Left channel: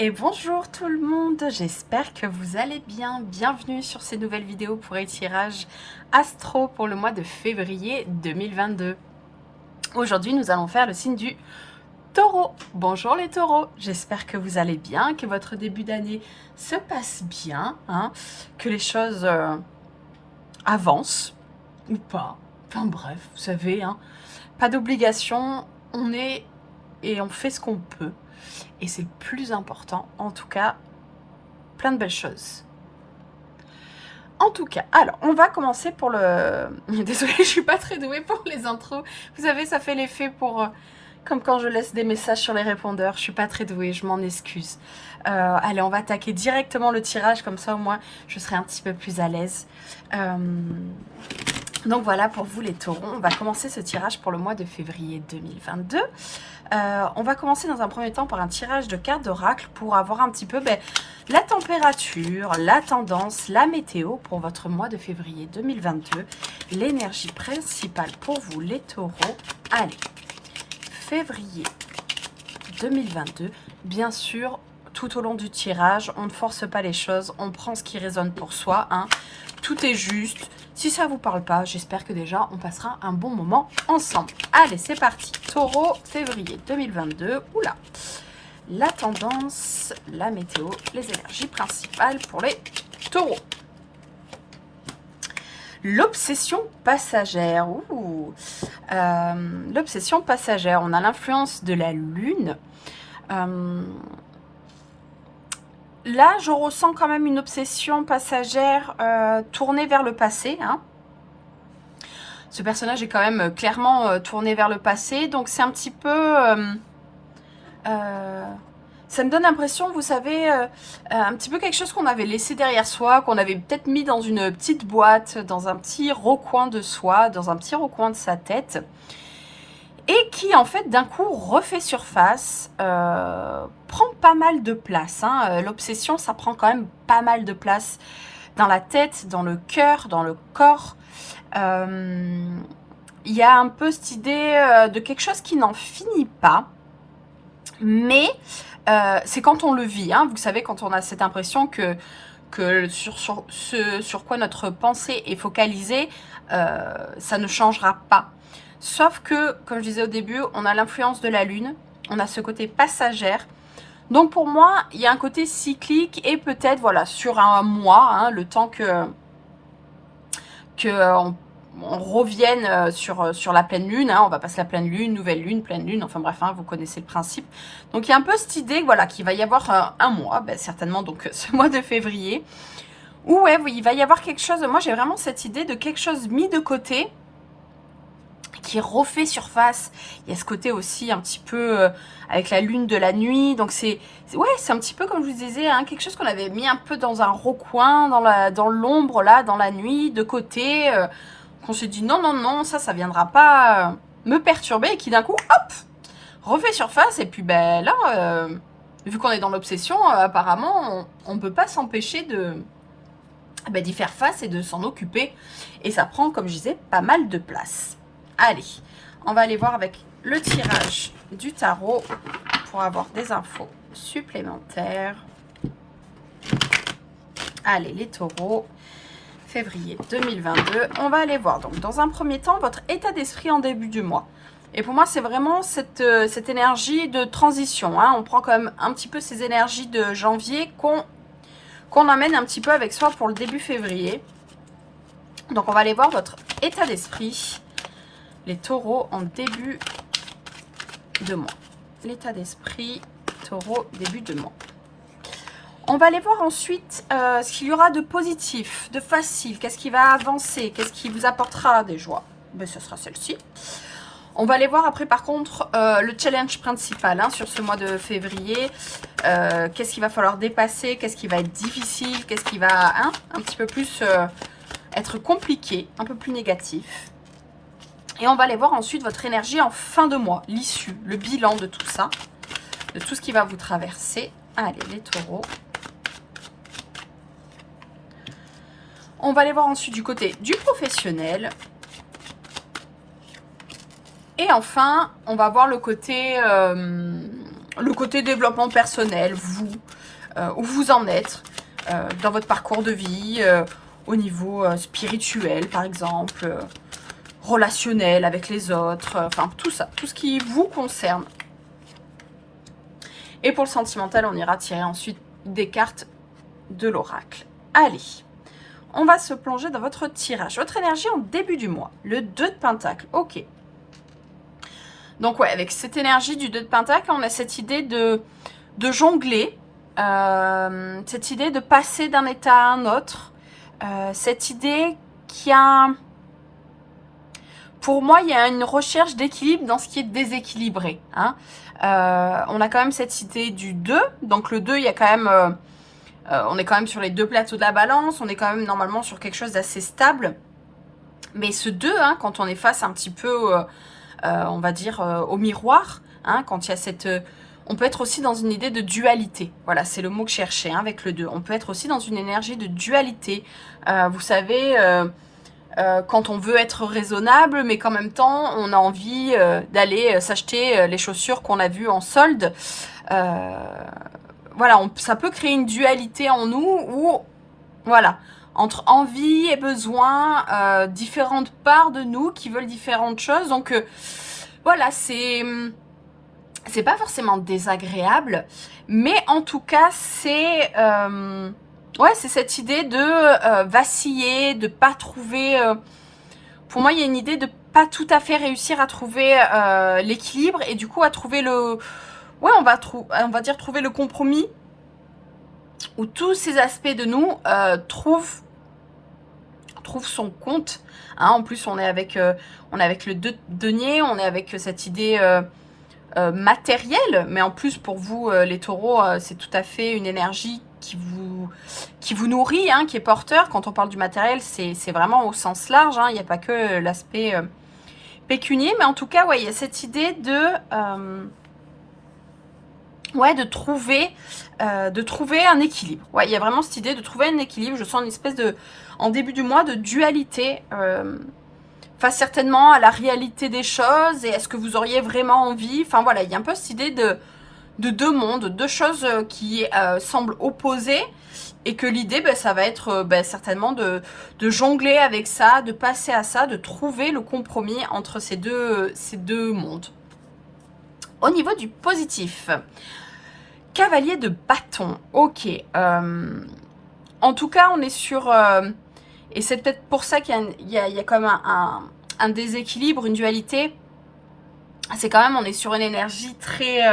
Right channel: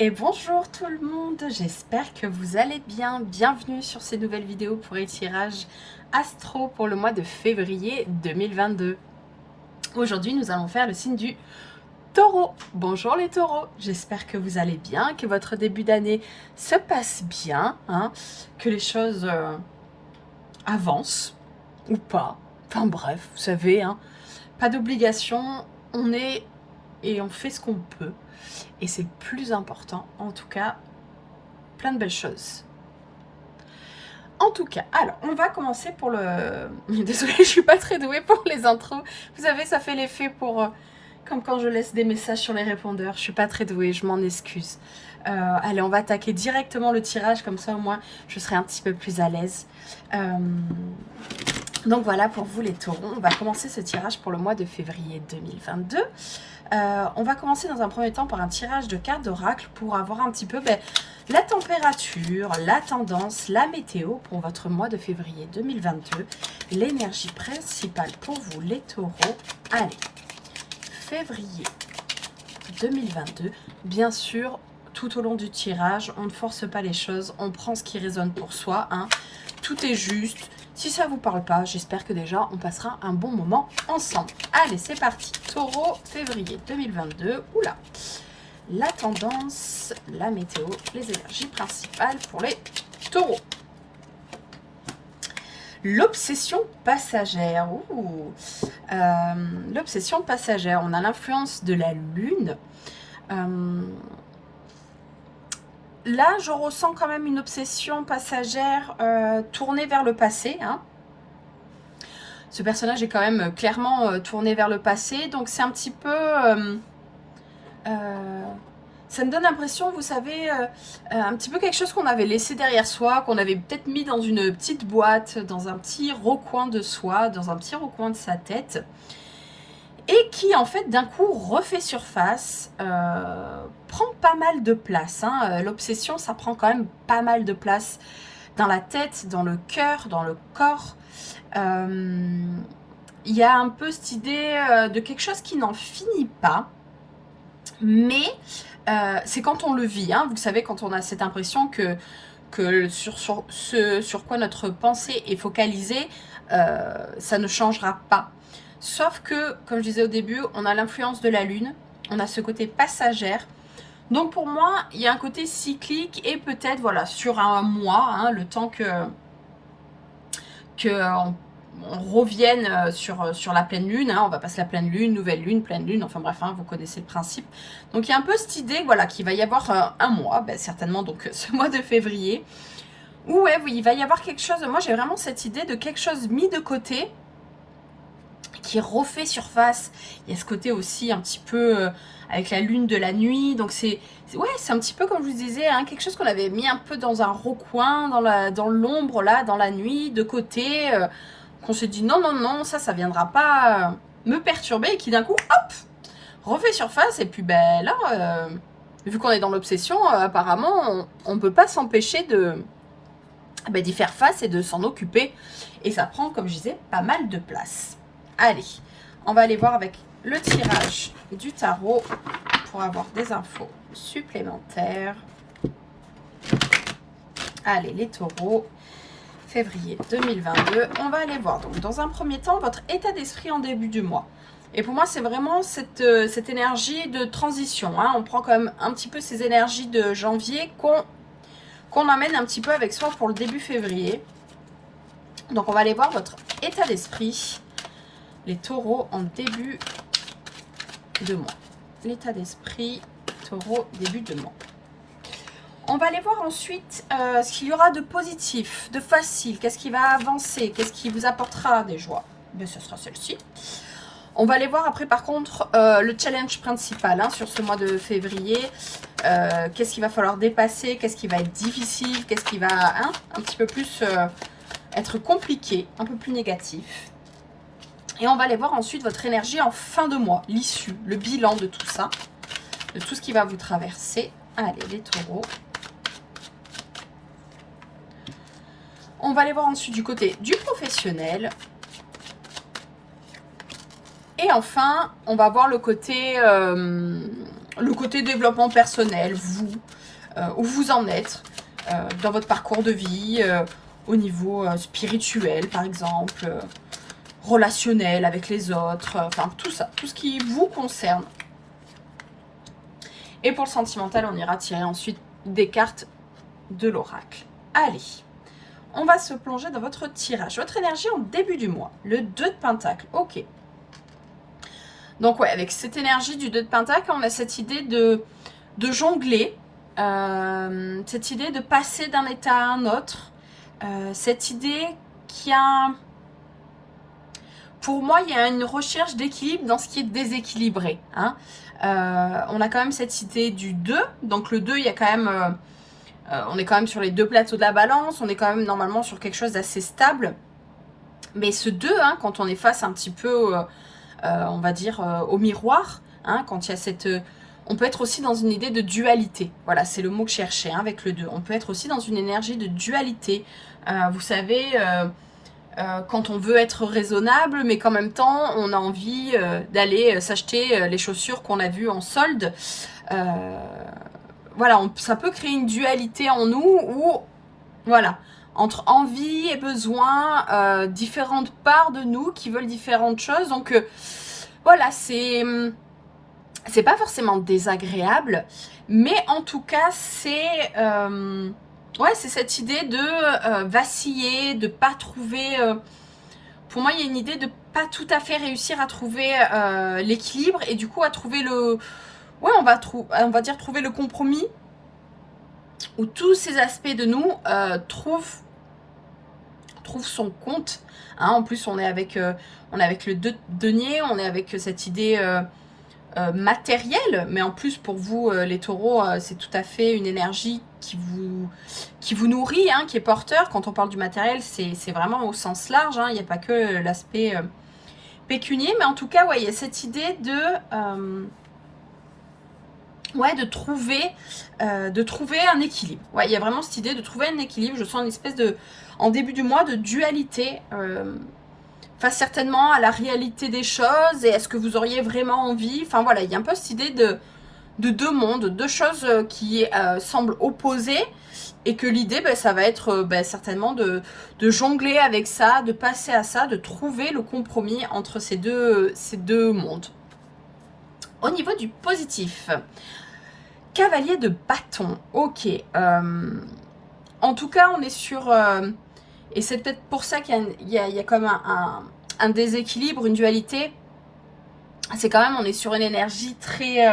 Et bonjour tout le monde, j'espère que vous allez bien. Bienvenue sur ces nouvelles vidéos pour les tirages astro pour le mois de février 2022. Aujourd'hui, nous allons faire le signe du taureau. Bonjour les taureaux, j'espère que vous allez bien, que votre début d'année se passe bien, que les choses avancent ou pas. Enfin bref, vous savez, pas d'obligation, on est et on fait ce qu'on peut. Et c'est le plus important, en tout cas, plein de belles choses. En tout cas, alors, on va commencer pour le... Désolée, je suis pas très douée pour les intros. Vous savez, ça fait l'effet pour... comme quand je laisse des messages sur les répondeurs. Je suis pas très douée, je m'en excuse. Allez, on va attaquer directement le tirage, comme ça au moins je serai un petit peu plus à l'aise. Donc voilà, pour vous les taureaux, on va commencer ce tirage pour le mois de février 2022. On va commencer dans un premier temps par un tirage de cartes d'oracle pour avoir un petit peu la température, la tendance, la météo pour votre mois de février 2022. L'énergie principale pour vous les taureaux. Allez, février 2022. Bien sûr, tout au long du tirage, on ne force pas les choses, on prend ce qui résonne pour soi. Tout est juste. Si ça ne vous parle pas, j'espère que déjà on passera un bon moment ensemble. Allez, c'est parti. Taureau, février 2022. Oula. La tendance, la météo, les énergies principales pour les taureaux. L'obsession passagère. L'obsession passagère. On a l'influence de la lune. Là, je ressens quand même une obsession passagère tournée vers le passé. Ce personnage est quand même clairement tourné vers le passé. Donc, c'est un petit peu... ça me donne l'impression, vous savez, un petit peu quelque chose qu'on avait laissé derrière soi, qu'on avait peut-être mis dans une petite boîte, dans un petit recoin de soi, dans un petit recoin de sa tête. Et qui, en fait, d'un coup, refait surface, prend pas mal de place. L'obsession, ça prend quand même pas mal de place dans la tête, dans le cœur, dans le corps. Il y a un peu cette idée de quelque chose qui n'en finit pas. Mais c'est quand on le vit. Vous savez, quand on a cette impression que sur ce sur quoi notre pensée est focalisée, ça ne changera pas. Sauf que, comme je disais au début, on a l'influence de la lune, on a ce côté passagère. Donc pour moi, il y a un côté cyclique et peut-être voilà sur un mois, le temps on revienne sur la pleine lune. On va passer la pleine lune, nouvelle lune, pleine lune, enfin bref, vous connaissez le principe. Donc il y a un peu cette idée voilà, qu'il va y avoir un mois, certainement donc ce mois de février, où oui, il va y avoir quelque chose, moi j'ai vraiment cette idée de quelque chose mis de côté, qui refait surface. Il y a ce côté aussi un petit peu avec la lune de la nuit. Donc c'est un petit peu comme je vous disais, quelque chose qu'on avait mis un peu dans un recoin, dans l'ombre là, dans la nuit, de côté, qu'on s'est dit non, ça viendra pas me perturber, et qui d'un coup, hop, refait surface. Et puis là, vu qu'on est dans l'obsession, apparemment, on ne peut pas s'empêcher d'y faire face et de s'en occuper. Et ça prend, comme je disais, pas mal de place. Allez, on va aller voir avec le tirage du tarot pour avoir des infos supplémentaires. Allez, les taureaux, février 2022. On va aller voir donc dans un premier temps votre état d'esprit en début du mois. Et pour moi, c'est vraiment cette énergie de transition. On prend quand même un petit peu ces énergies de janvier qu'on amène un petit peu avec soi pour le début février. Donc, on va aller voir votre état d'esprit. Les taureaux en début de mois. L'état d'esprit, taureau, début de mois. On va aller voir ensuite ce qu'il y aura de positif, de facile. Qu'est-ce qui va avancer? Qu'est-ce qui vous apportera des joies? Ce sera celle-ci. On va aller voir après, par contre, le challenge principal sur ce mois de février. Qu'est-ce qu'il va falloir dépasser? Qu'est-ce qui va être difficile? Qu'est-ce qui va un petit peu plus être compliqué, un peu plus négatif? Et on va aller voir ensuite votre énergie en fin de mois, l'issue, le bilan de tout ça, de tout ce qui va vous traverser. Allez, les taureaux. On va aller voir ensuite du côté du professionnel. Et enfin, on va voir le côté le côté développement personnel, vous, où vous en êtes dans votre parcours de vie, au niveau spirituel par exemple, relationnel avec les autres, enfin tout ça, tout ce qui vous concerne. Et pour le sentimental, on ira tirer ensuite des cartes de l'oracle. Allez, on va se plonger dans votre tirage. Votre énergie en début du mois, le 2 de Pentacle, ok. Donc ouais, avec cette énergie du 2 de Pentacle, on a cette idée de jongler, cette idée de passer d'un état à un autre, cette idée qu'il y a... Pour moi, il y a une recherche d'équilibre dans ce qui est déséquilibré. Hein. On a quand même cette idée du 2. Donc le 2, il y a quand même... on est quand même sur les deux plateaux de la balance. On est quand même normalement sur quelque chose d'assez stable. Mais ce 2, hein, quand on est face un petit peu, on va dire, au miroir, hein, quand il y a cette... on peut être aussi dans une idée de dualité. Voilà, c'est le mot que je cherchais hein, avec le 2. On peut être aussi dans une énergie de dualité. Vous savez... quand on veut être raisonnable, mais qu'en même temps, on a envie d'aller s'acheter les chaussures qu'on a vues en solde. Voilà, ça peut créer une dualité en nous où, voilà, entre envie et besoin, différentes parts de nous qui veulent différentes choses. Donc, voilà, c'est pas forcément désagréable, mais en tout cas, c'est... ouais, c'est cette idée de vaciller, de pas trouver... pour moi, il y a une idée de pas tout à fait réussir à trouver l'équilibre et du coup à trouver le... Ouais, on va dire trouver le compromis où tous ces aspects de nous trouvent son compte. Hein. En plus, on est avec le denier, on est avec cette idée... matériel, mais en plus pour vous les taureaux, c'est tout à fait une énergie qui vous nourrit, hein, qui est porteur. Quand on parle du matériel, c'est vraiment au sens large, hein, il n'y a pas que l'aspect pécunier, mais en tout cas, ouais, il y a cette idée de trouver un équilibre. Ouais, il y a vraiment cette idée de trouver un équilibre. Je sens une espèce de, en début du mois, de dualité face certainement à la réalité des choses et est-ce que vous auriez vraiment envie. Enfin voilà, il y a un peu cette idée de deux mondes, deux choses qui semblent opposées et que l'idée, ça va être certainement de jongler avec ça, de passer à ça, de trouver le compromis entre ces deux mondes. Au niveau du positif, cavalier de bâton, ok. En tout cas, on est sur... et c'est peut-être pour ça qu'il y a comme un déséquilibre, une dualité. C'est quand même, on est sur une énergie très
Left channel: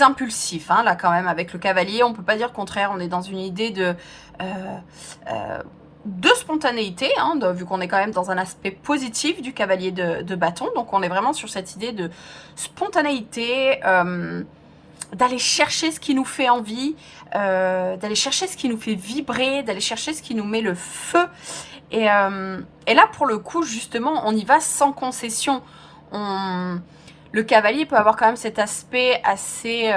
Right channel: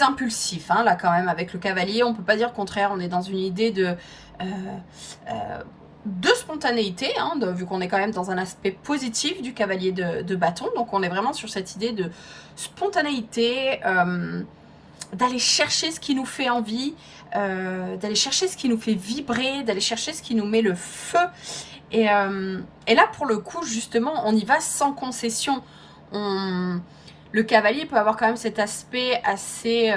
impulsif, hein, là quand même, avec le cavalier. On ne peut pas dire le contraire, on est dans une idée de spontanéité, hein, vu qu'on est quand même dans un aspect positif du cavalier de bâton. Donc on est vraiment sur cette idée de spontanéité, d'aller chercher ce qui nous fait envie, d'aller chercher ce qui nous fait vibrer, d'aller chercher ce qui nous met le feu. Et là, pour le coup, justement, on y va sans concession. Le cavalier peut avoir quand même cet aspect assez...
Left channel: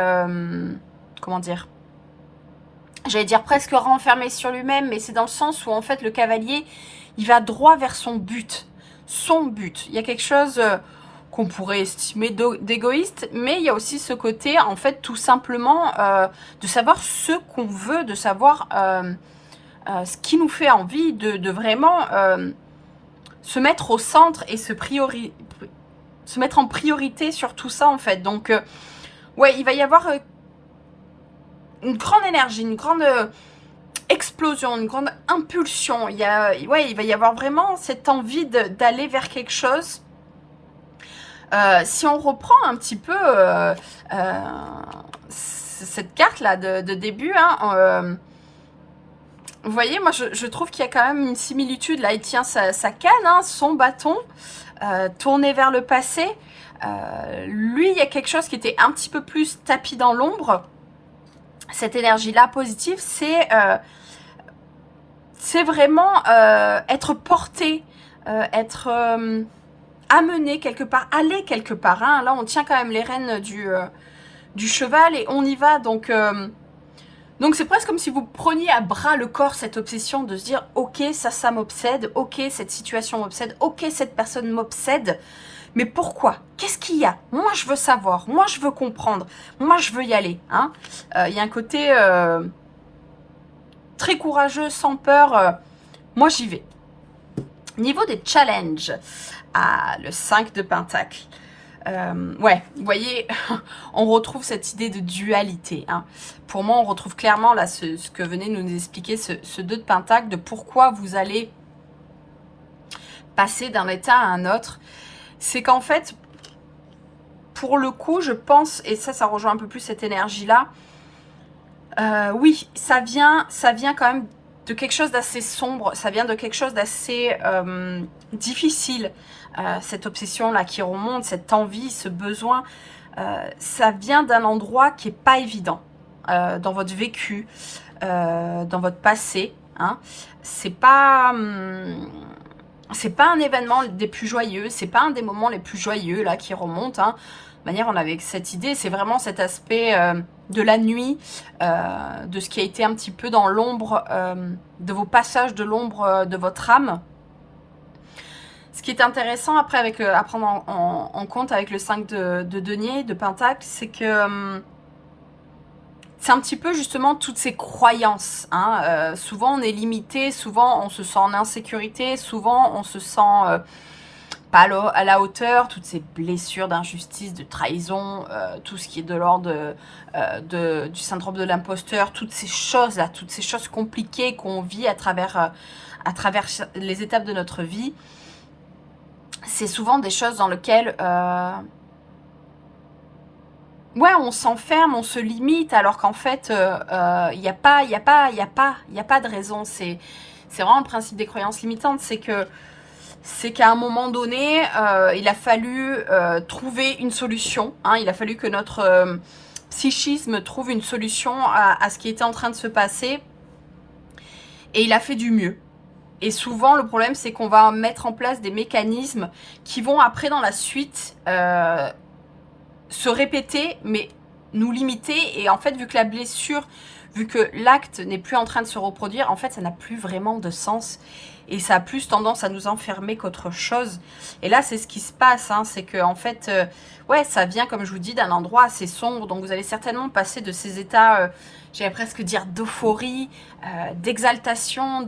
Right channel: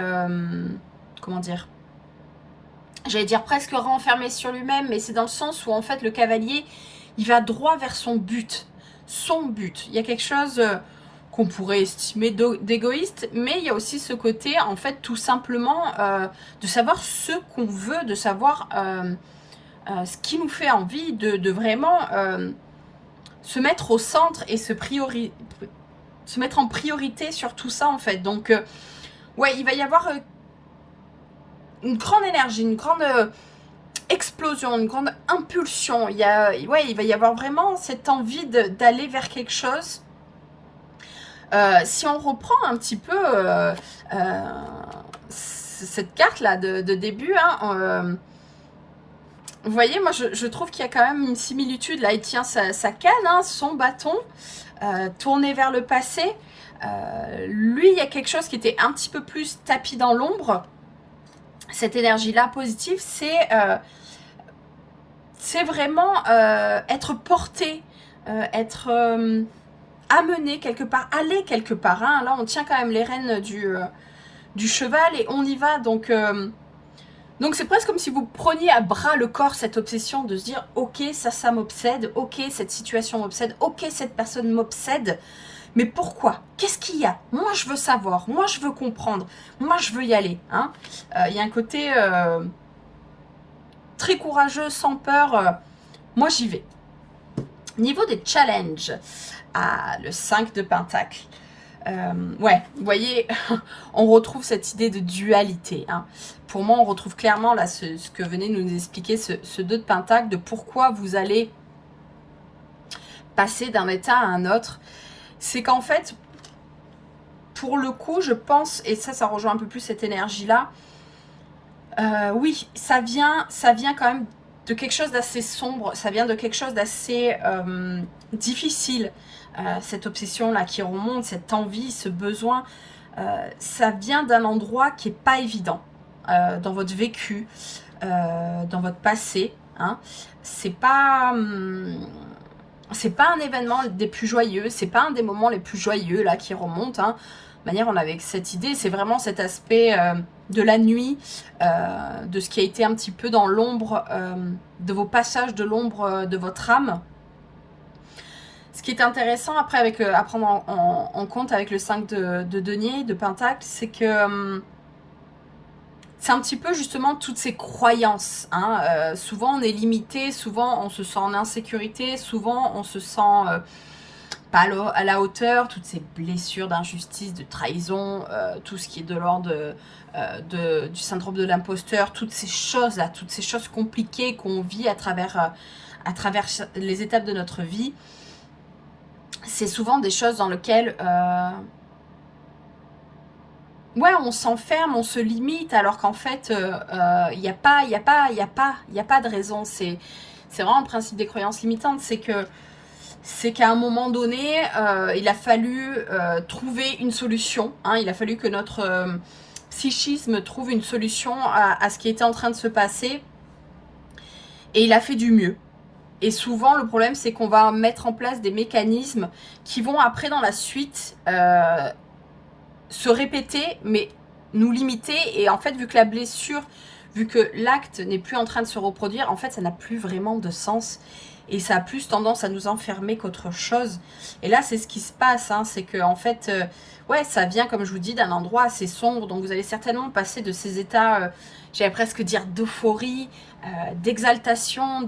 comment dire ? J'allais dire presque renfermé sur lui-même, mais c'est dans le sens où, en fait, le cavalier, il va droit vers son but. Son but. Il y a quelque chose... qu'on pourrait estimer d'égoïste, mais il y a aussi ce côté, en fait, tout simplement, de savoir ce qu'on veut, de savoir ce qui nous fait envie, de vraiment se mettre au centre et se mettre en priorité sur tout ça, en fait. Donc, ouais, il va y avoir une grande énergie, une grande explosion, une grande impulsion. Il va y avoir vraiment cette envie d'aller vers quelque chose. Si on reprend un petit peu cette carte-là de début, hein, vous voyez, moi je trouve qu'il y a quand même une similitude. Là, il tient sa canne, hein, son bâton, tourné vers le passé. Lui, il y a quelque chose qui était un petit peu plus tapis dans l'ombre. Cette énergie-là positive, c'est vraiment être porté, être... amener quelque part, aller quelque part. Hein. Là, on tient quand même les rênes du cheval et on y va. Donc c'est presque comme si vous preniez à bras le corps cette obsession de se dire « Ok, ça m'obsède. Ok, cette situation m'obsède. Ok, cette personne m'obsède. » Mais pourquoi? Qu'est-ce qu'il y a? Moi, je veux savoir. Moi, je veux comprendre. Moi, je veux y aller. Hein. Il y a un côté très courageux, sans peur. Moi, j'y vais. Niveau des challenges. Ah, le 5 de Pentacle. Ouais, vous voyez, on retrouve cette idée de dualité. Hein. Pour moi, on retrouve clairement là ce que venait nous expliquer ce 2 de Pentacle, de pourquoi vous allez passer d'un état à un autre. C'est qu'en fait, pour le coup, je pense, et ça rejoint un peu plus cette énergie-là, oui, ça vient quand même de quelque chose d'assez sombre, ça vient de quelque chose d'assez difficile, cette obsession-là qui remonte, cette envie, ce besoin, ça vient d'un endroit qui n'est pas évident dans votre vécu, dans votre passé. Hein. C'est pas un événement des plus joyeux, c'est pas un des moments les plus joyeux là qui remonte. Hein. De manière, on avait cette idée, c'est vraiment cet aspect de la nuit, de ce qui a été un petit peu dans l'ombre, de vos passages de l'ombre de votre âme. Ce qui est intéressant après à prendre en compte avec le 5 de denier, de pentacle, c'est que c'est un petit peu justement toutes ces croyances. Hein. Souvent on est limité, souvent on se sent en insécurité, souvent on se sent pas à la hauteur, toutes ces blessures d'injustice, de trahison, tout ce qui est de l'ordre du syndrome de l'imposteur, toutes ces choses-là, toutes ces choses compliquées qu'on vit à travers les étapes de notre vie. C'est souvent des choses dans lesquelles ouais, on s'enferme, on se limite, alors qu'en fait, il n'y a pas de raison. C'est vraiment le principe des croyances limitantes, c'est qu'à un moment donné, il a fallu trouver une solution. Hein, il a fallu que notre psychisme trouve une solution à ce qui était en train de se passer. Et il a fait du mieux. Et souvent, le problème, c'est qu'on va mettre en place des mécanismes qui vont après, dans la suite, se répéter, mais nous limiter. Et en fait, vu que la blessure, vu que l'acte n'est plus en train de se reproduire, en fait, ça n'a plus vraiment de sens. Et ça a plus tendance à nous enfermer qu'autre chose. Et là, c'est ce qui se passe. Hein, c'est que en fait, ouais, ça vient, comme je vous dis, d'un endroit assez sombre. Donc, vous allez certainement passer de ces états, j'allais presque dire d'euphorie, d'exaltation,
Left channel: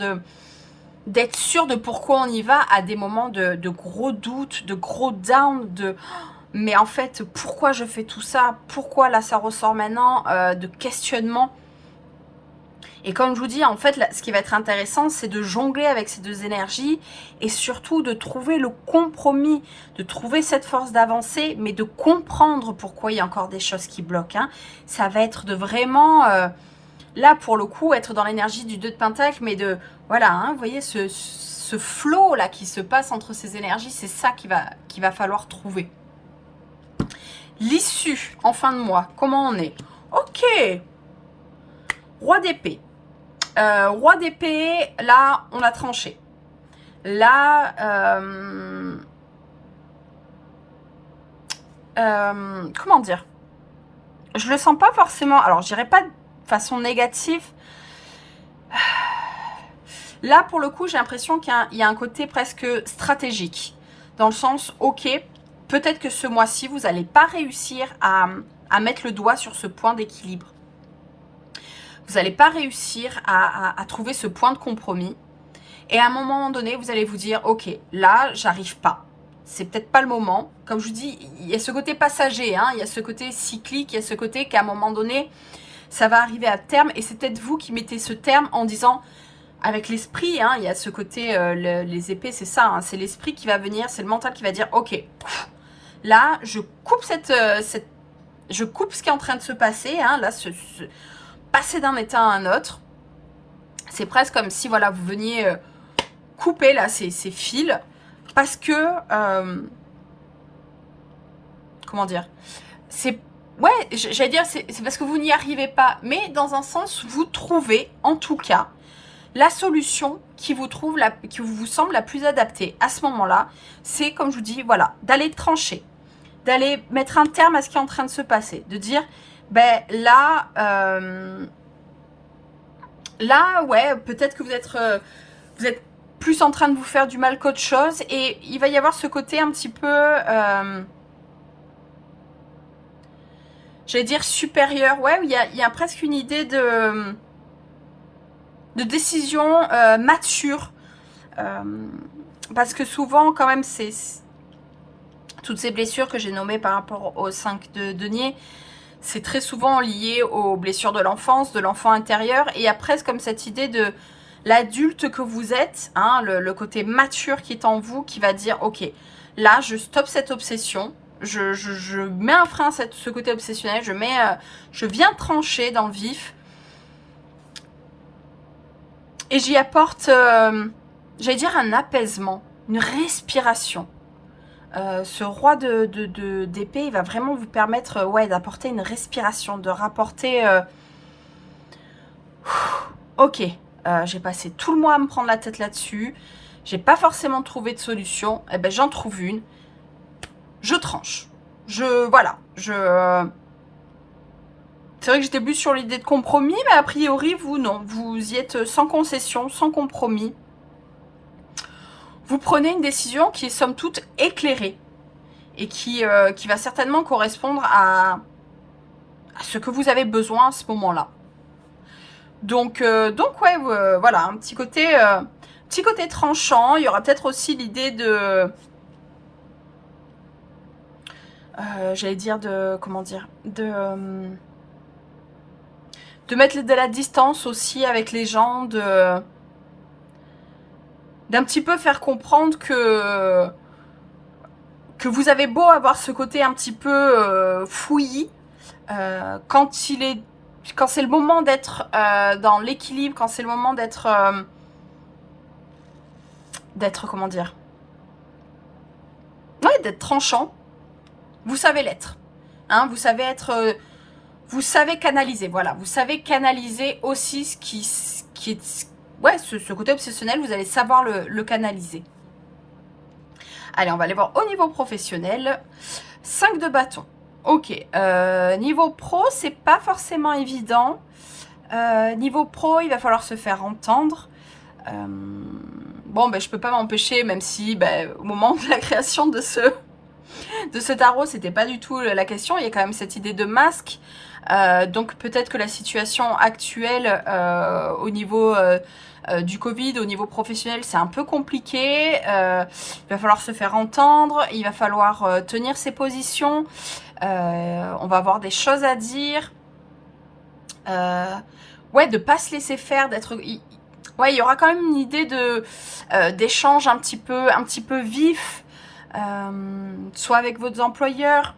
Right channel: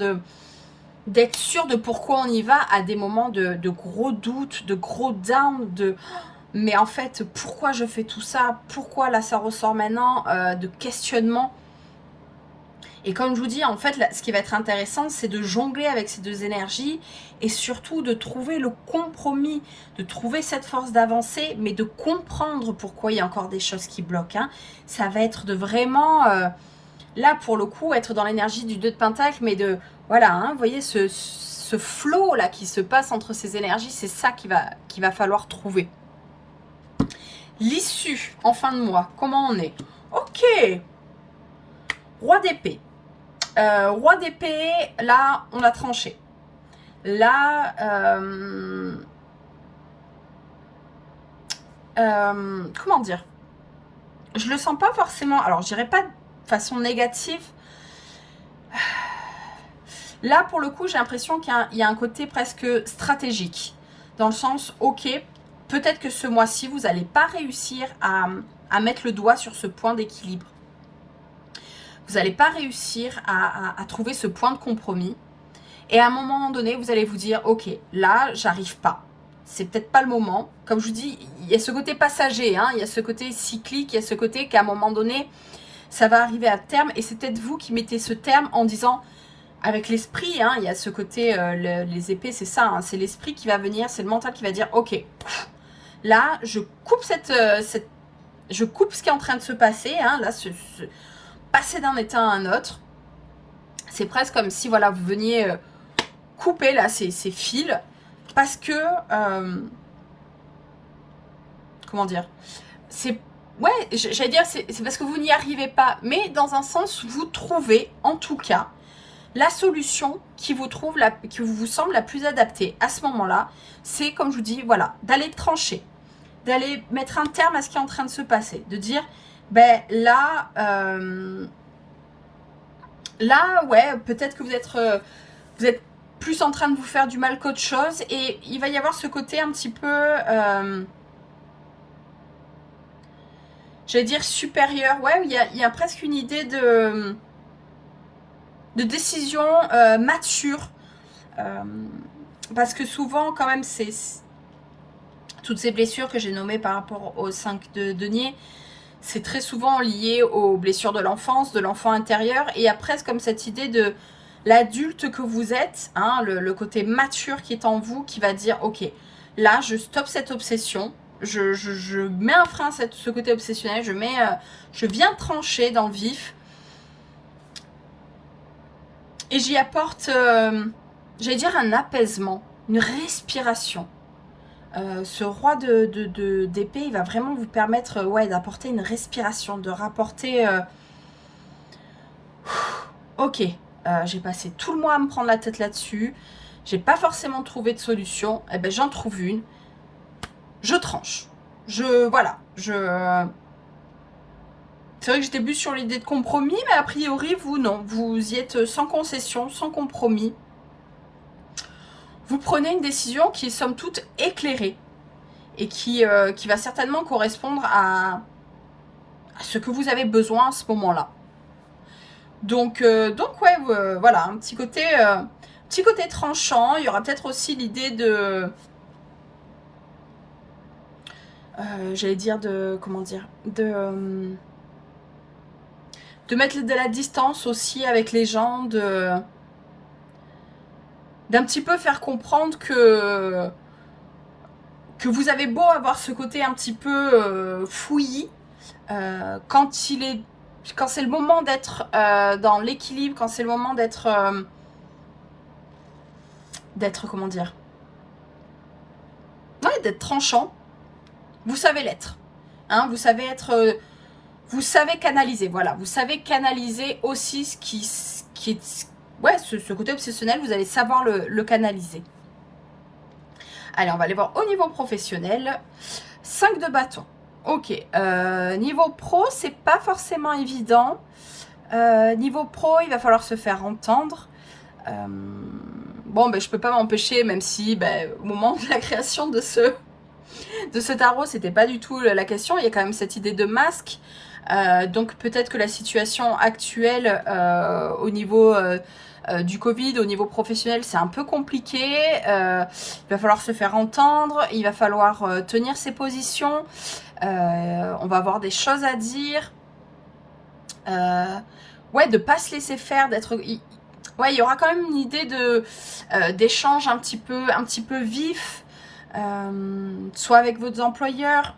d'être sûr de pourquoi on y va, à des moments de gros doutes, de gros down, mais en fait, pourquoi je fais tout ça? Pourquoi là ça ressort maintenant? De questionnement. Et comme je vous dis, en fait, là, ce qui va être intéressant, c'est de jongler avec ces deux énergies et surtout de trouver le compromis, de trouver cette force d'avancer, mais de comprendre pourquoi il y a encore des choses qui bloquent. Hein. Ça va être de vraiment, là pour le coup, être dans l'énergie du 2 de Pentacle, mais de, voilà, hein, vous voyez ce flow là qui se passe entre ces énergies, c'est ça qu'il va falloir trouver. L'issue en fin de mois, comment on est? Ok. Roi d'épée. Roi d'épée, là, on a tranché. Là, comment dire? Je le sens pas forcément, alors je dirais pas de façon négative. Là, pour le coup, j'ai l'impression qu'il y a un côté presque stratégique. Dans le sens, ok, peut-être que ce mois-ci, vous n'allez pas réussir à mettre le doigt sur ce point d'équilibre. Vous n'allez pas réussir à trouver ce point de compromis. Et à un moment donné, vous allez vous dire, ok, là, j'arrive pas. C'est peut-être pas le moment. Comme je vous dis, il y a ce côté passager, hein, il y a ce côté cyclique, il y a ce côté qu'à un moment donné, ça va arriver à terme. Et c'est peut-être vous qui mettez ce terme en disant, avec l'esprit, hein, il y a ce côté, les épées, c'est ça, hein, c'est l'esprit qui va venir, c'est le mental qui va dire, ok, là, je coupe je coupe ce qui est en train de se passer, hein, là, passer d'un état à un autre. C'est presque comme si, voilà, vous veniez couper, là, ces fils, parce que, comment dire, c'est, ouais, j'allais dire, c'est parce que vous n'y arrivez pas, mais dans un sens, vous trouvez, en tout cas, la solution qui vous semble la plus adaptée à ce moment-là, c'est, comme je vous dis, voilà, d'aller trancher, d'aller mettre un terme à ce qui est en train de se passer, de dire, ben là, là, ouais, peut-être que vous êtes plus en train de vous faire du mal qu'autre chose. Et il va y avoir ce côté un petit peu, j'allais dire supérieur. Ouais, il y a presque une idée de décision mature. Parce que souvent, quand même, c'est toutes ces blessures que j'ai nommées par rapport aux 5 de denier, c'est très souvent lié aux blessures de l'enfance, de l'enfant intérieur. Et il y a presque comme cette idée de l'adulte que vous êtes, hein, le côté mature qui est en vous, qui va dire, ok, là, je stoppe cette obsession, je mets un frein à ce côté obsessionnel, je viens trancher dans le vif, et j'y apporte, j'allais dire, un apaisement, une respiration. Ce roi d'épée, il va vraiment vous permettre ouais, d'apporter une respiration, de rapporter... ok, j'ai passé tout le mois à me prendre la tête là-dessus, j'ai pas forcément trouvé de solution, eh ben j'en trouve une, je tranche. Voilà, c'est vrai que j'étais plus sur l'idée de compromis, mais a priori, vous, non, vous y êtes sans concession, sans compromis. Vous prenez une décision qui est somme toute éclairée, et qui va certainement correspondre à ce que vous avez besoin à ce moment-là. Donc ouais, voilà, un petit côté tranchant. Il y aura peut-être aussi l'idée de... j'allais dire de... Comment dire de mettre de la distance aussi avec les gens, d'un petit peu faire comprendre que vous avez beau avoir ce côté un petit peu fouillis, quand c'est le moment d'être dans l'équilibre, quand c'est le moment d'être comment dire, ouais, d'être tranchant, vous savez l'être, hein, vous savez être, vous savez canaliser, voilà, vous savez canaliser aussi ce qui est, ouais, ce côté obsessionnel, vous allez savoir le canaliser. Allez, on va aller voir au niveau professionnel. 5 de bâton. Ok. Niveau pro, c'est pas forcément évident. Niveau pro, il va falloir se faire entendre. Bon, ben, je peux pas m'empêcher, même si au moment de la création de ce tarot, c'était pas du tout la question. Il y a quand même cette idée de masque. Donc peut-être que la situation actuelle au niveau du Covid, au niveau professionnel, c'est un peu compliqué. Il va falloir se faire entendre, il va falloir tenir ses positions. On va avoir des choses à dire. Ouais, de pas se laisser faire, d'être... Ouais, il y aura quand même une idée d'échange un petit peu vif, soit avec vos employeurs,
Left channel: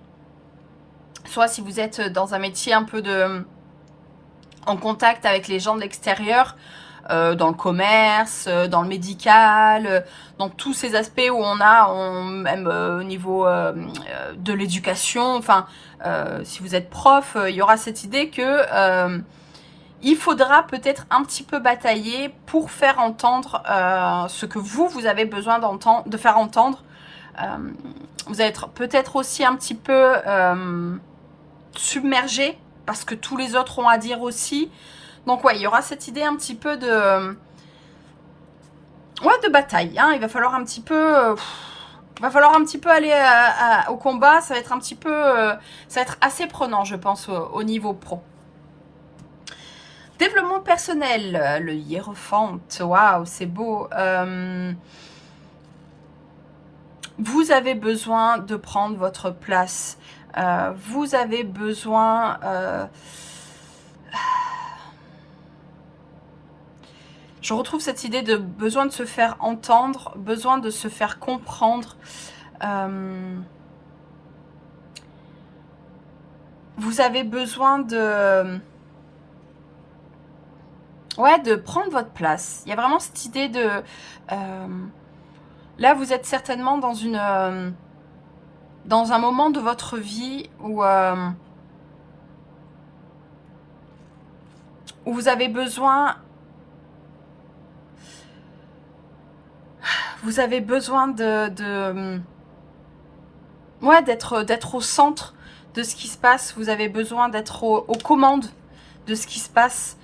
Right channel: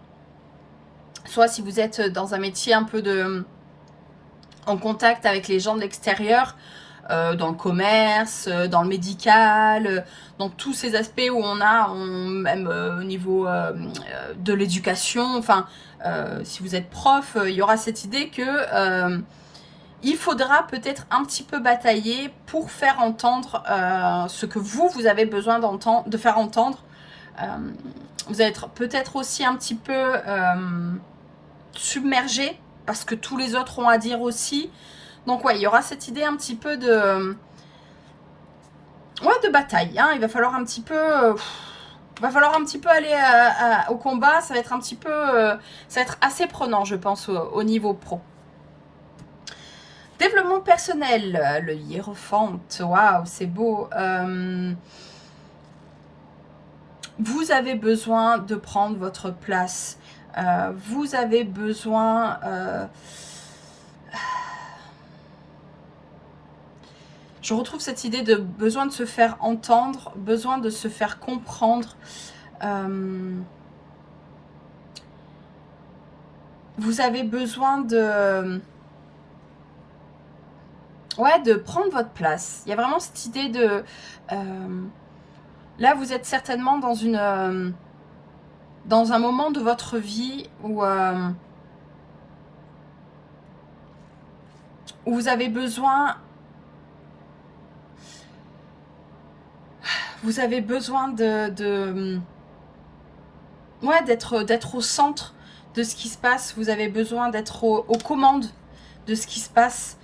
soit si vous êtes dans un métier un peu en contact avec les gens de l'extérieur, dans le commerce, dans le médical, dans tous ces aspects où même au niveau de l'éducation, enfin, si vous êtes prof, il y aura cette idée que il faudra peut-être un petit peu batailler pour faire entendre ce que vous avez besoin de faire entendre. Vous allez être peut-être aussi un petit peu submergé parce que tous les autres ont à dire aussi. Donc ouais, il y aura cette idée un petit peu de bataille. Hein. Il va falloir un petit peu aller au combat. Ça va être un petit peu, ça va être assez prenant, je pense, au niveau pro. Développement personnel, le hiérophante, waouh, c'est beau. Vous avez besoin de prendre votre place. Vous avez besoin... je retrouve cette idée de besoin de se faire entendre, besoin de se faire comprendre. Vous avez besoin de... ouais, de prendre votre place. Il y a vraiment cette idée de... là, vous êtes certainement dans un moment de votre vie où vous avez besoin... Vous avez besoin ouais, d'être au centre de ce qui se passe. Vous avez besoin d'être aux commandes de ce qui se passe.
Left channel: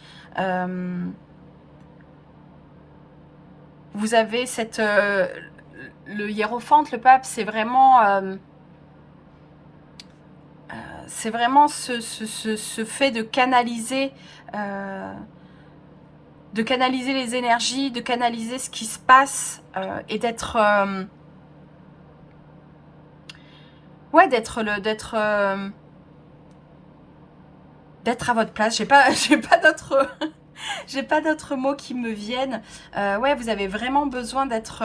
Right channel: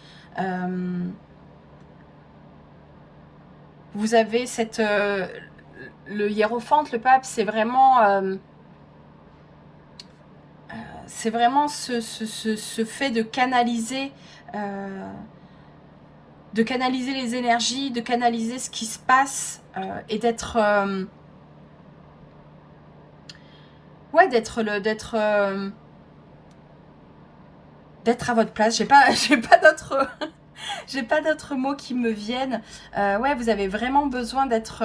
Vous avez cette... le hiérophante, le pape, c'est vraiment... ce fait de canaliser les énergies, de canaliser ce qui se passe et d'être... ouais, d'être à votre place. J'ai pas d'autres... j'ai pas d'autres mots qui me viennent. Ouais, vous avez vraiment besoin d'être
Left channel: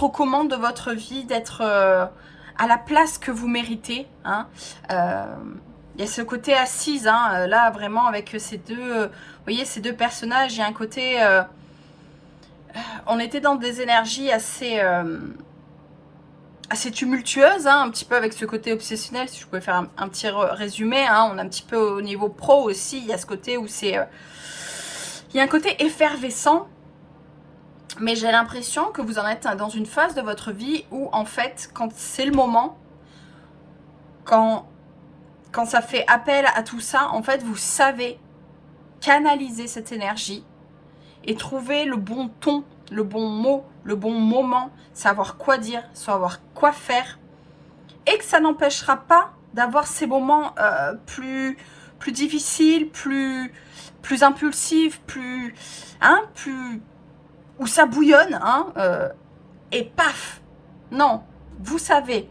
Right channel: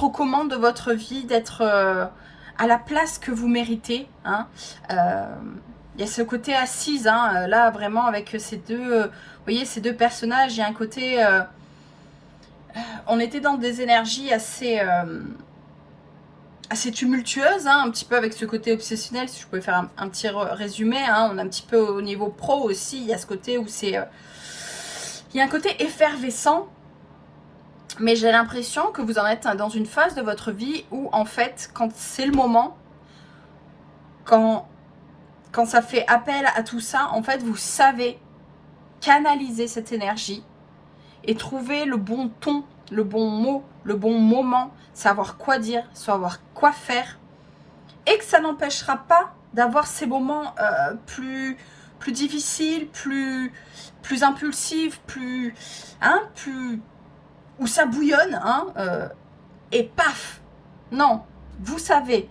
aux commandes de votre vie, d'être à la place que vous méritez. Hein. Il y a ce côté assise, hein, là, vraiment, avec ces deux... vous voyez, ces deux personnages, il y a un côté... on était dans des énergies assez tumultueuses, hein, un petit peu avec ce côté obsessionnel, si je pouvais faire un petit résumé. Hein, on est un petit peu au niveau pro aussi, il y a ce côté où c'est... il y a un côté effervescent. Mais j'ai l'impression que vous en êtes dans une phase de votre vie où, en fait, quand c'est le moment, quand ça fait appel à tout ça, en fait, vous savez canaliser cette énergie et trouver le bon ton, le bon mot, le bon moment, savoir quoi dire, savoir quoi faire. Et que ça n'empêchera pas d'avoir ces moments plus difficiles, plus impulsifs, plus où ça bouillonne, hein, et paf. Non, vous savez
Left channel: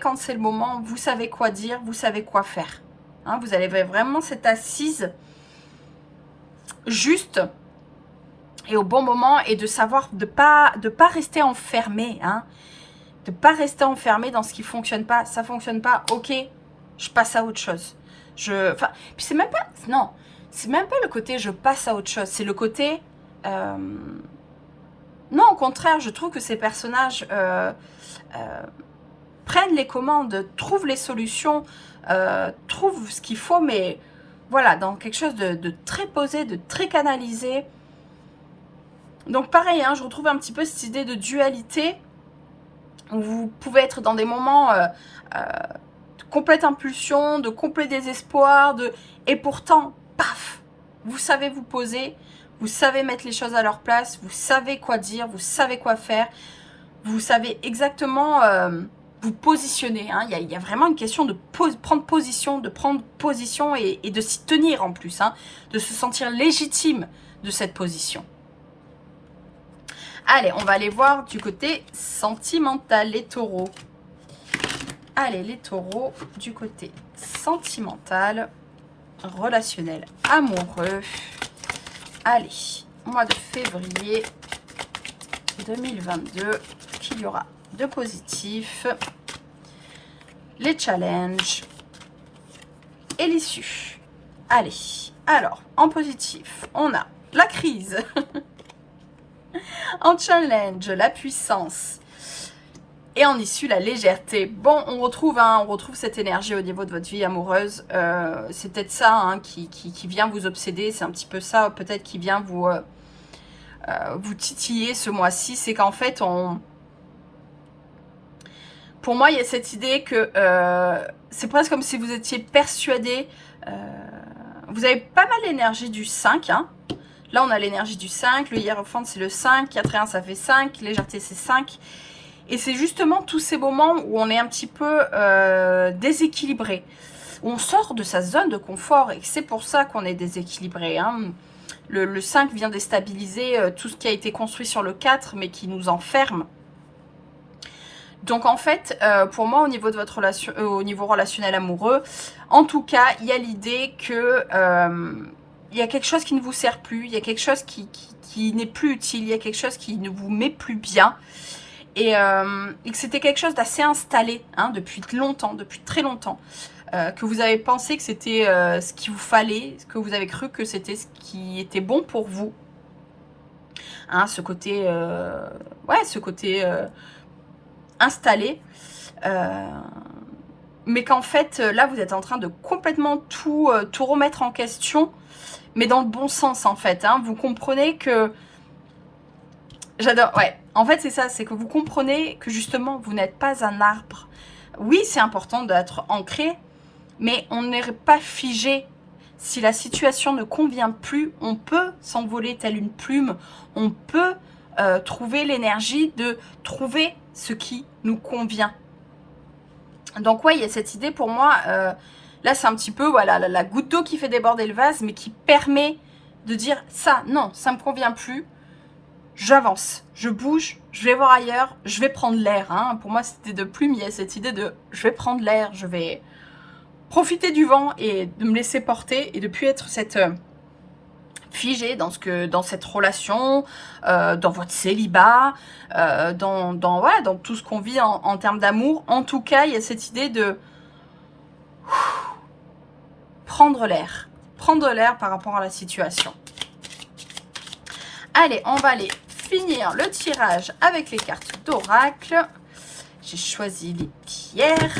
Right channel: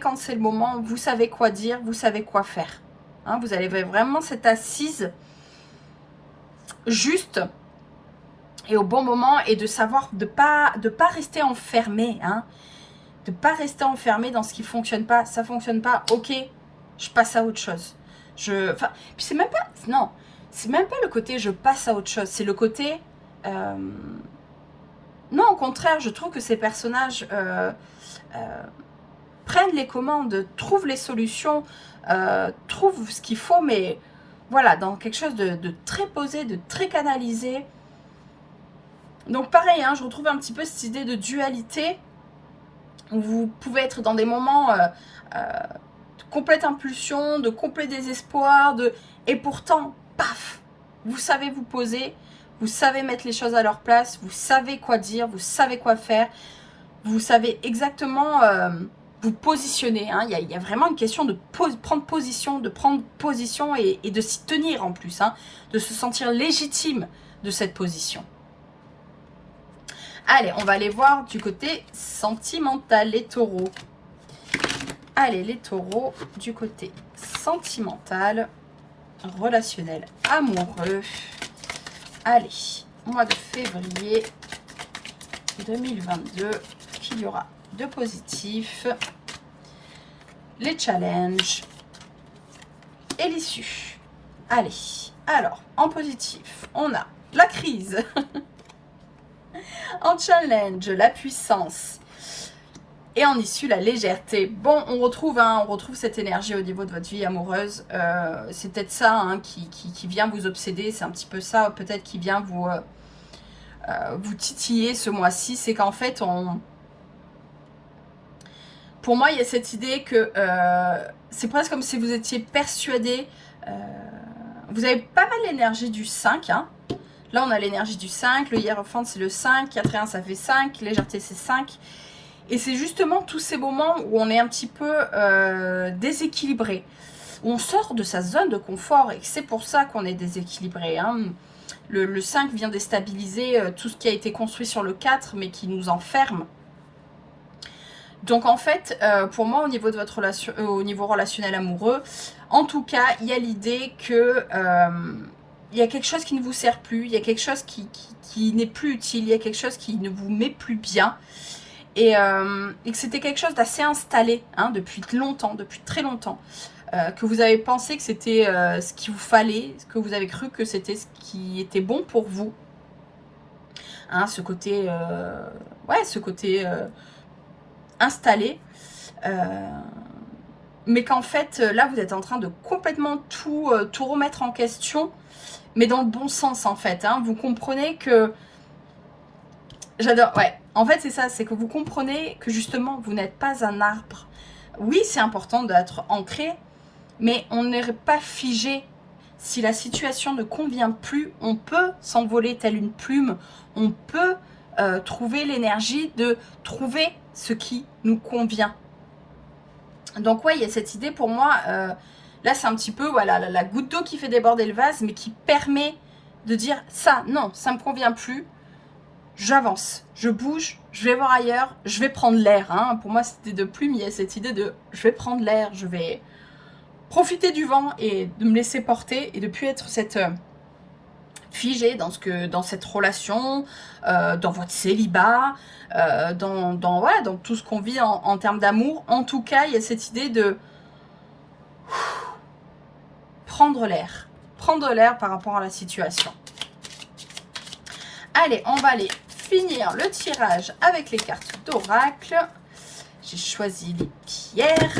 quand c'est le moment, vous savez quoi dire, vous savez quoi faire. Hein, vous avez vraiment cette assise juste et au bon moment, et de savoir de pas rester enfermé, hein, de pas rester enfermé dans ce qui fonctionne pas. Ça fonctionne pas, ok, je passe à autre chose. Enfin, puis c'est même pas, non, c'est même pas le côté je passe à autre chose, c'est le côté non, au contraire, je trouve que ces personnages prennent les commandes, trouvent les solutions, trouvent ce qu'il faut, mais voilà, dans quelque chose de très posé, de très canalisé. Donc pareil, hein, je retrouve un petit peu cette idée de dualité, où vous pouvez être dans des moments de complète impulsion, de complet désespoir, et pourtant, paf, vous savez vous poser, vous savez mettre les choses à leur place, vous savez quoi dire, vous savez quoi faire, vous savez exactement vous positionner. Hein. Il y a vraiment une question de prendre position, et de s'y tenir en plus, hein, de se sentir légitime de cette position. Allez, on va aller voir du côté sentimental, les taureaux. Allez, les taureaux, du côté sentimental, relationnel, amoureux. Allez, mois de février 2022, qu'il y aura de positif, les challenges et l'issue. Allez, alors, en positif, on a la crise. En challenge, la puissance. Et en issue, la légèreté. Bon, on retrouve cette énergie au niveau de votre vie amoureuse. C'est peut-être ça, hein, qui vient vous obséder. C'est un petit peu ça, peut-être, qui vient vous titiller ce mois-ci. C'est qu'en fait, pour moi, il y a cette idée que c'est presque comme si vous étiez persuadé. Vous avez pas mal l'énergie du 5, hein. Là, on a l'énergie du 5. Le hiérophante, c'est le 5. 4 et 1, ça fait 5. Légèreté, c'est 5. Et c'est justement tous ces moments où on est un petit peu déséquilibré. Où on sort de sa zone de confort. Et c'est pour ça qu'on est déséquilibré. Hein. Le 5 vient déstabiliser tout ce qui a été construit sur le 4, mais qui nous enferme. Donc en fait, pour moi, au niveau de votre relation, au niveau relationnel amoureux, en tout cas, il y a l'idée que il y a quelque chose qui ne vous sert plus, il y a quelque chose qui n'est plus utile, il y a quelque chose qui ne vous met plus bien. Et que c'était quelque chose d'assez installé, hein, depuis longtemps, depuis très longtemps. Que vous avez pensé que c'était ce qu'il vous fallait, que vous avez cru que c'était ce qui était bon pour vous. Hein, ce côté, installé. Mais qu'en fait, là, vous êtes en train de complètement tout remettre en question, mais dans le bon sens, en fait. Hein. Vous comprenez que... J'adore, ouais. En fait, c'est ça, c'est que vous comprenez que justement, vous n'êtes pas un arbre. Oui, c'est important d'être ancré, mais on n'est pas figé Si la situation ne convient plus, on peut s'envoler telle une plume, on peut trouver l'énergie de trouver ce qui nous convient. Donc ouais, il y a cette idée pour moi, là c'est un petit peu voilà, la goutte d'eau qui fait déborder le vase, mais qui permet de dire ça, non, ça ne me convient plus, j'avance, je bouge, je vais voir ailleurs, je vais prendre l'air. Hein. Pour moi, cette idée de plume, il y a cette idée de je vais prendre l'air, je vais profiter du vent et de me laisser porter et de plus être cette figée dans cette relation, dans votre célibat, dans tout ce qu'on vit en termes d'amour. En tout cas, il y a cette idée de prendre l'air par rapport à la situation. Allez, on va aller finir le tirage avec les cartes d'oracle. J'ai choisi les pierres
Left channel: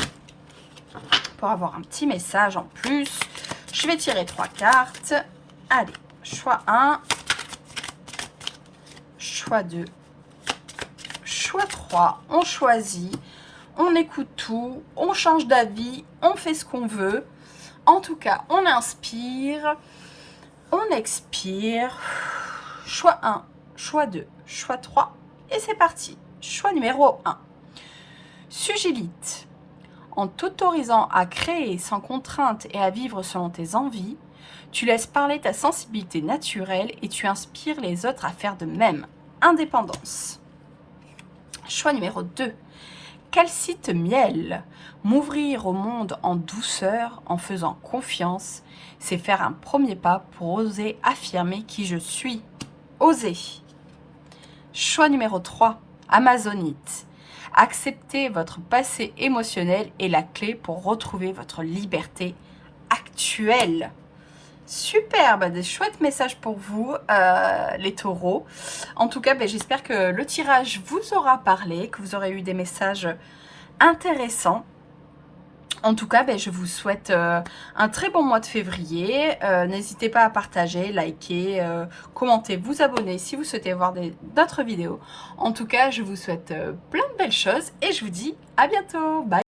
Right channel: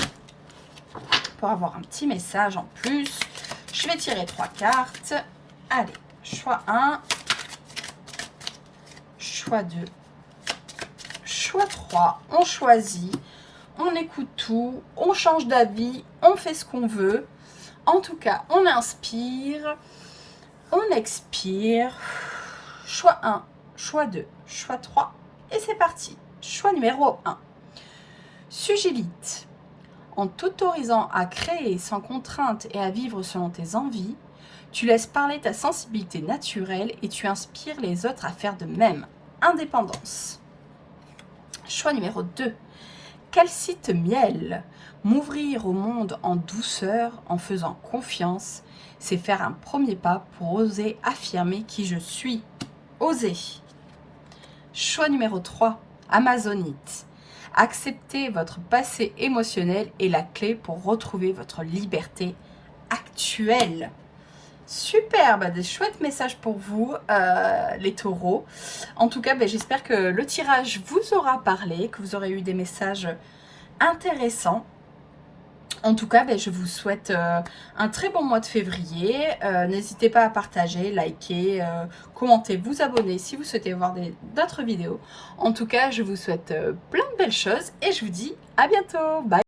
pour avoir un petit message en plus. Je vais tirer 3 cartes. Allez, choix 1, choix 2, choix 3. On choisit, on écoute tout, on change d'avis, on fait ce qu'on veut. En tout cas, on inspire, on expire. Choix 1, choix 2, choix 3. Et c'est parti. Choix numéro 1. Sugilite. En t'autorisant à créer sans contrainte et à vivre selon tes envies, tu laisses parler ta sensibilité naturelle et tu inspires les autres à faire de même. Indépendance. Choix numéro 2. Calcite miel. M'ouvrir au monde en douceur, en faisant confiance, c'est faire un premier pas pour oser affirmer qui je suis. Oser. Choix numéro 3. Amazonite. Accepter votre passé émotionnel est la clé pour retrouver votre liberté actuelle. Super, des chouettes messages pour vous, les taureaux. En tout cas, j'espère que le tirage vous aura parlé, que vous aurez eu des messages intéressants. En tout cas, je vous souhaite un très bon mois de février. N'hésitez pas à partager, liker, commenter, vous abonner si vous souhaitez voir d'autres vidéos. En tout cas, je vous souhaite plein de belles choses et je vous dis à bientôt. Bye!